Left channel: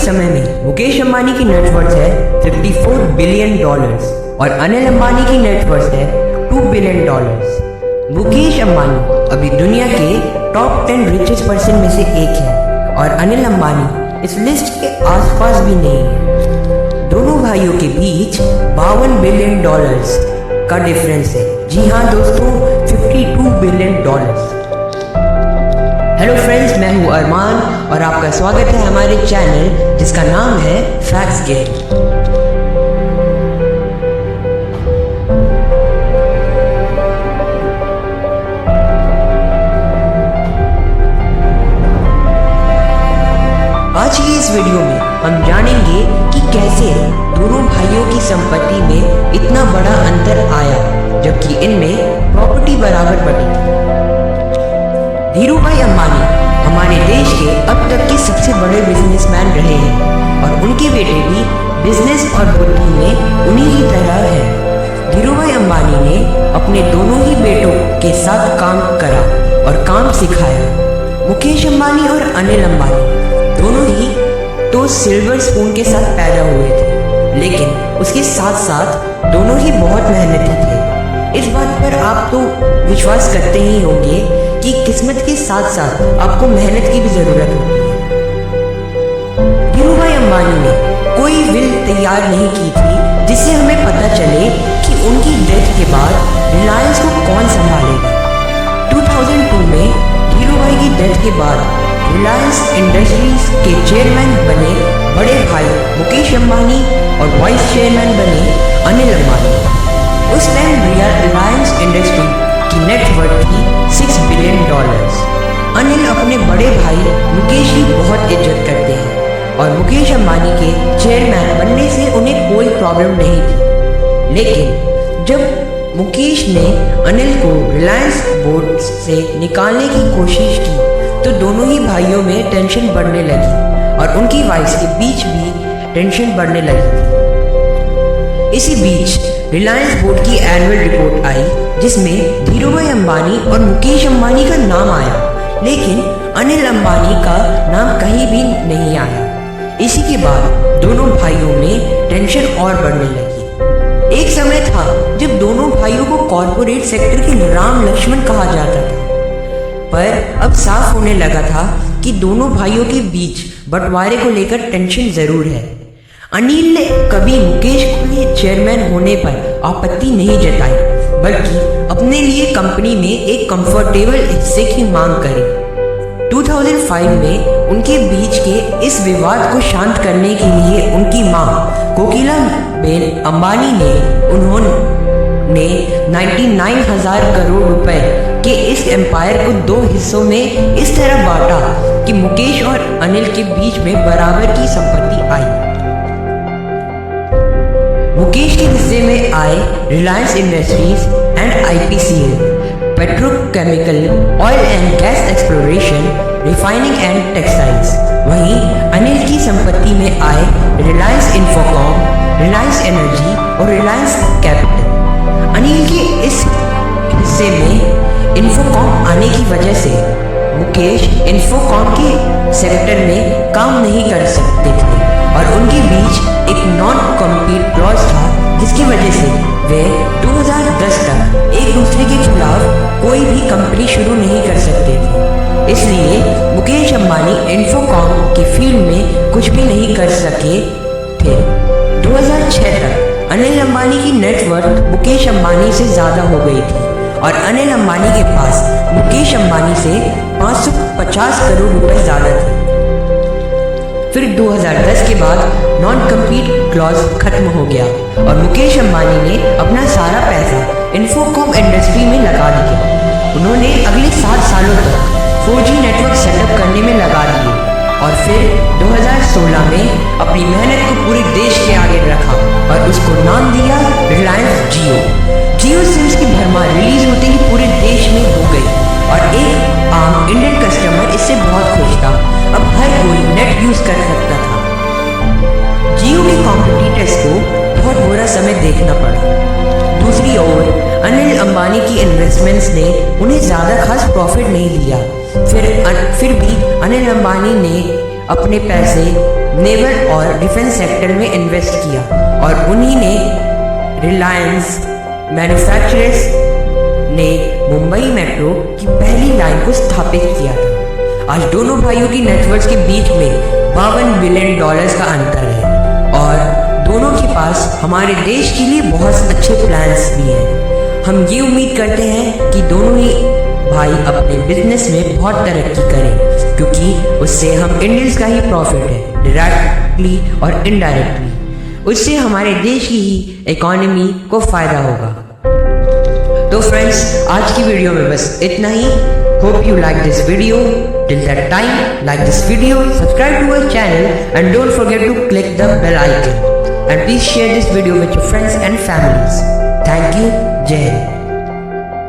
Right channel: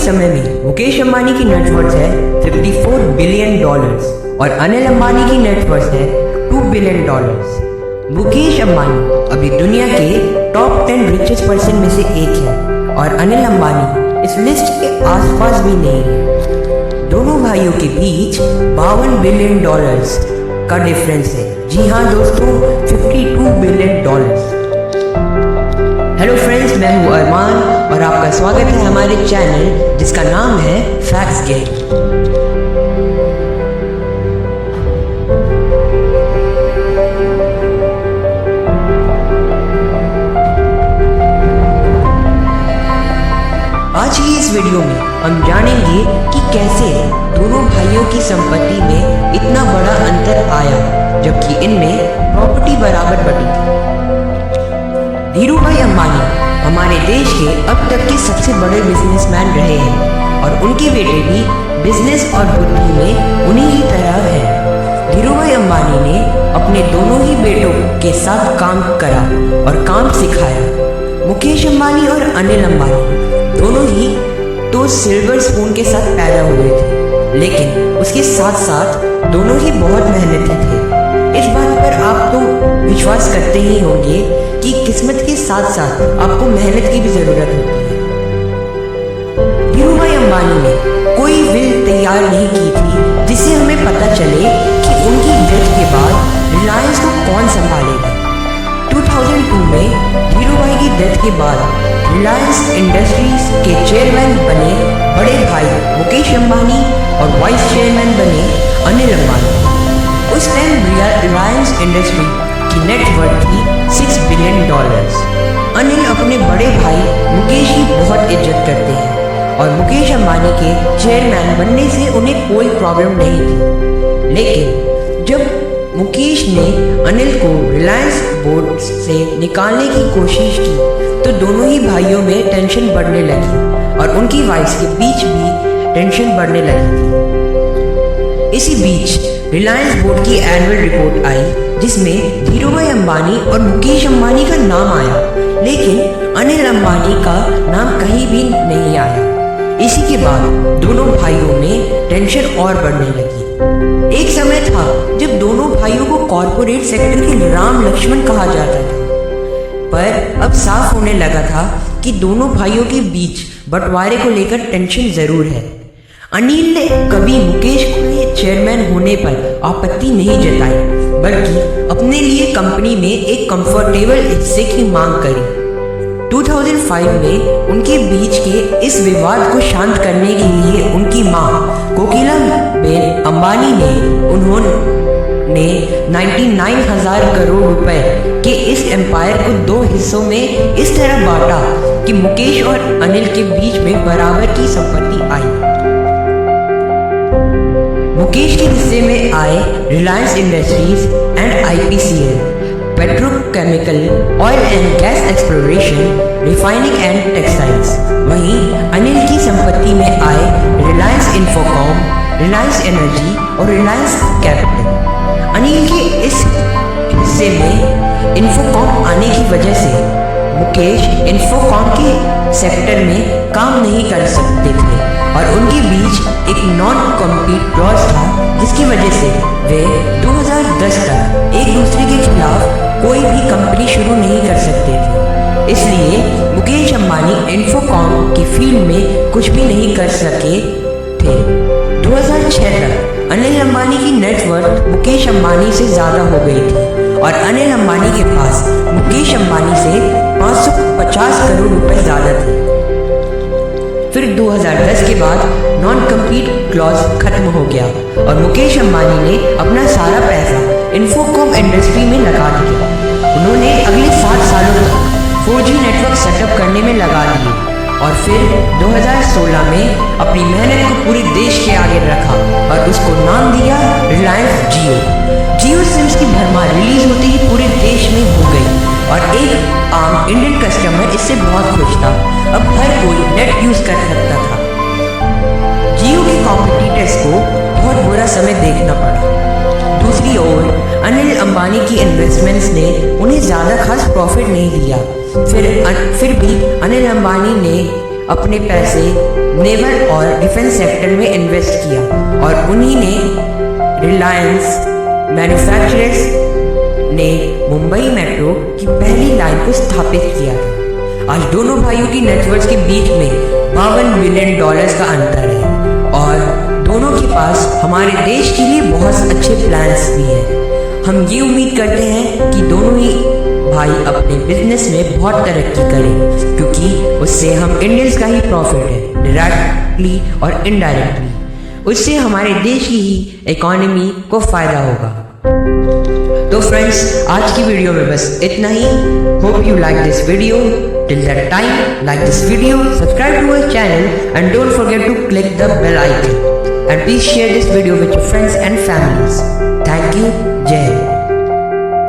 समय में मुकेश अंबानी की नेटवर्थ है $54 बिलियन और अनिल अंबानी की नेटवर्थ है $2 बिलियन। मुकेश अंबानी अभी दुनिया के टॉप 10 रिचेस्ट पर्सन में से एक है और अनिल अंबानी इस लिस्ट के आसपास भी नहीं है। दोनों भाइयों के बीच $52 बिलियन का डिफरेंस है। जी हाँ दोस्तों, $52 बिलियन। हेलो फ्रेंड्स, मैं हूँ अरमान और आपका स्वागत है हमारे चैनल जिसका नाम है फैक्ट्स गेट। आज की इस वीडियो में हम जानेंगे कि कैसे दोनों भाइयों की संपत्ति में इतना बड़ा अंतर आया जबकि इनमें प्रॉपर्टी बराबर बटी थी। धीरूभाई अंबानी हमारे देश के अब तक के सबसे बड़े बिजनेसमैन रहे हैं और उनके बेटे भी बिजनेस और बुद्धि में उन्हीं की तरह हैं। धीरूभाई अंबानी ने अपने दोनों ही बेटों के साथ काम करा और काम सिखाया। मुकेश अंबानी और अनिल अंबानी दोनों ही तो सिल्वर स्पून के साथ पैदा हुए थे, लेकिन उसके साथ साथ दोनों ही बहुत मेहनती थे। इस बात पर आप तो विश्वास करते ही होंगे कि किस्मत के साथ साथ आपको मेहनत की भी जरूरत होती है। धीरूभाई अंबानी ने कोई विल तैयार नहीं की थी जिससे हमें पता चले कि उनकी डेथ के बाद रिलायंस को कौन संभालेगा। 2002 में धीरूभाई की डेथ के बाद रिलायंस इंडस्ट्रीज के चेयरमैन बने बड़े भाई मुकेश अंबानी और वाइस चेयरमैन बने अनिल अंबानी। उस टाइम रिलायंस इंडस्ट्री की नेटवर्थ थी $6 बिलियन। अनिल अपने बड़े भाई मुकेश की बहुत इज्जत करते हैं और मुकेश अंबानी के चेयरमैन बनने से उन्हें कोई प्रॉब्लम नहीं थी। लेकिन जब मुकेश ने अनिल को रिलायंस बोर्ड से निकालने की कोशिश की तो दोनों ही भाइयों में टेंशन बढ़ने लगी और उनकी वाइफ के बीच भी टेंशन बढ़ने लगी थी। इसी बीच रिलायंस बोर्ड की एनुअल रिपोर्ट आई जिसमें धीरूभाई अंबानी और मुकेश अंबानी का नाम आया, लेकिन अनिल अंबानी का नाम कहीं भी नहीं आया। इसी के बाद दोनों भाइयों में टेंशन और बढ़ने लगी। एक समय था जब दोनों भाइयों को कॉरपोरेट सेक्टर के राम लक्ष्मण कहा जाता था, पर अब साफ होने लगा था कि दोनों भाइयों के बीच बंटवारे को लेकर टेंशन जरूर है। अनिल ने कभी मुकेश के चेयरमैन होने पर आपत्ति नहीं जताई, बल्कि अपने लिए कंपनी में एक कंफर्टेबल हिस्से की मांग करी। 2005 में उनके बीच के इस विवाद को शांत करने के लिए उनकी मां कोकिला बेन अंबानी ने उन्होंने 99,000 करोड़ रुपए के इस एम्पायर को 2 हिस्सों में इस तरह बांटा कि मुकेश और अनिल के बीच में बराबर की संपत्ति आई। मुकेश के हिस्से में आए Reliance industries and IPCL, petrochemical, oil and gas exploration, refining and textiles. वहीं अनिल की संपत्ति में आए रिलायंस इंफोकॉम, रिलायंस एनर्जी और रिलायंस कैपिटल। अनिल के इस हिस्से में इंफोकॉम आने की वजह से मुकेश इंफोकॉम के सेक्टर में काम नहीं कर सकते थे और उनके बीच एक नॉन कॉम्पीट क्लॉज था जिसकी वजह से वे 2010 तक एक दूसरे के खिलाफ कोई भी कंपनी शुरू नहीं कर सकते थे। इसलिए मुकेश अंबानी इंफोकॉम की फील्ड में कुछ भी नहीं कर सके थे। 2006 तक अनिल अंबानी की नेटवर्थ मुकेश अंबानी से ज़्यादा हो गई थी और अनिल अंबानी के पास मुकेश अंबानी से 550 करोड़ रुपए ज़्यादा थे। फिर 2010 के बाद नॉन कम्पीट क्लॉज खत्म हो गया और मुकेश अंबानी ने अपना सारा पैसा इंफोकॉम इंडस्ट्री में लगा दिया। उन्होंने अगले 7 सालों तक 4G नेटवर्क सेटअप करने में लगा दिए और फिर 2016 में अपनी मेहनत को पूरे देश के आगे रखा और उसको नाम दिया रिलायंस जियो सिम्स की भरमार रिलीज होते ही पूरे देश में हो गई और एक आम इंडियन कस्टमर इससे बहुत खुश था। अब हर कोई नेट यूज कर सकता था। जियो के कॉम्पिटिटर्स को बहुत बुरा समय देखना पड़ा। दूसरी ओर अनिल अंबानी की इन्वेस्टमेंट्स ने उन्हें ज़्यादा खास प्रॉफिट नहीं दिया। फिर भी अनिल अंबानी ने अपने पैसे नेवल और डिफेंस सेक्टर में इन्वेस्ट किया और उन्हीं ने रिलायंस मैन्युफैक्चरर्स ने मुंबई मेट्रो की पहली लाइन को स्थापित किया था। आज दोनों भाइयों की नेटवर्थ के बीच में $52 बिलियन का अंतर है और दोनों के पास हमारे देश के लिए बहुत अच्छे प्लान्स भी हैं। हम ये उम्मीद करते हैं कि दोनों ही भाई अपने बिजनेस में बहुत तरक्की करें, क्योंकि उससे हम इंडियंस का ही प्रॉफिट है, डायरेक्टली और इनडायरेक्टली। उससे हमारे देश की ही इकोनॉमी को फायदा होगा। तो फ्रेंड्स, आज की वीडियो में बस इतना ही। Hope you like this video. Till that time, like this video, subscribe to our channel and don't forget to click the bell icon, and please share this video with your friends and families. Thank you. Jai Hind.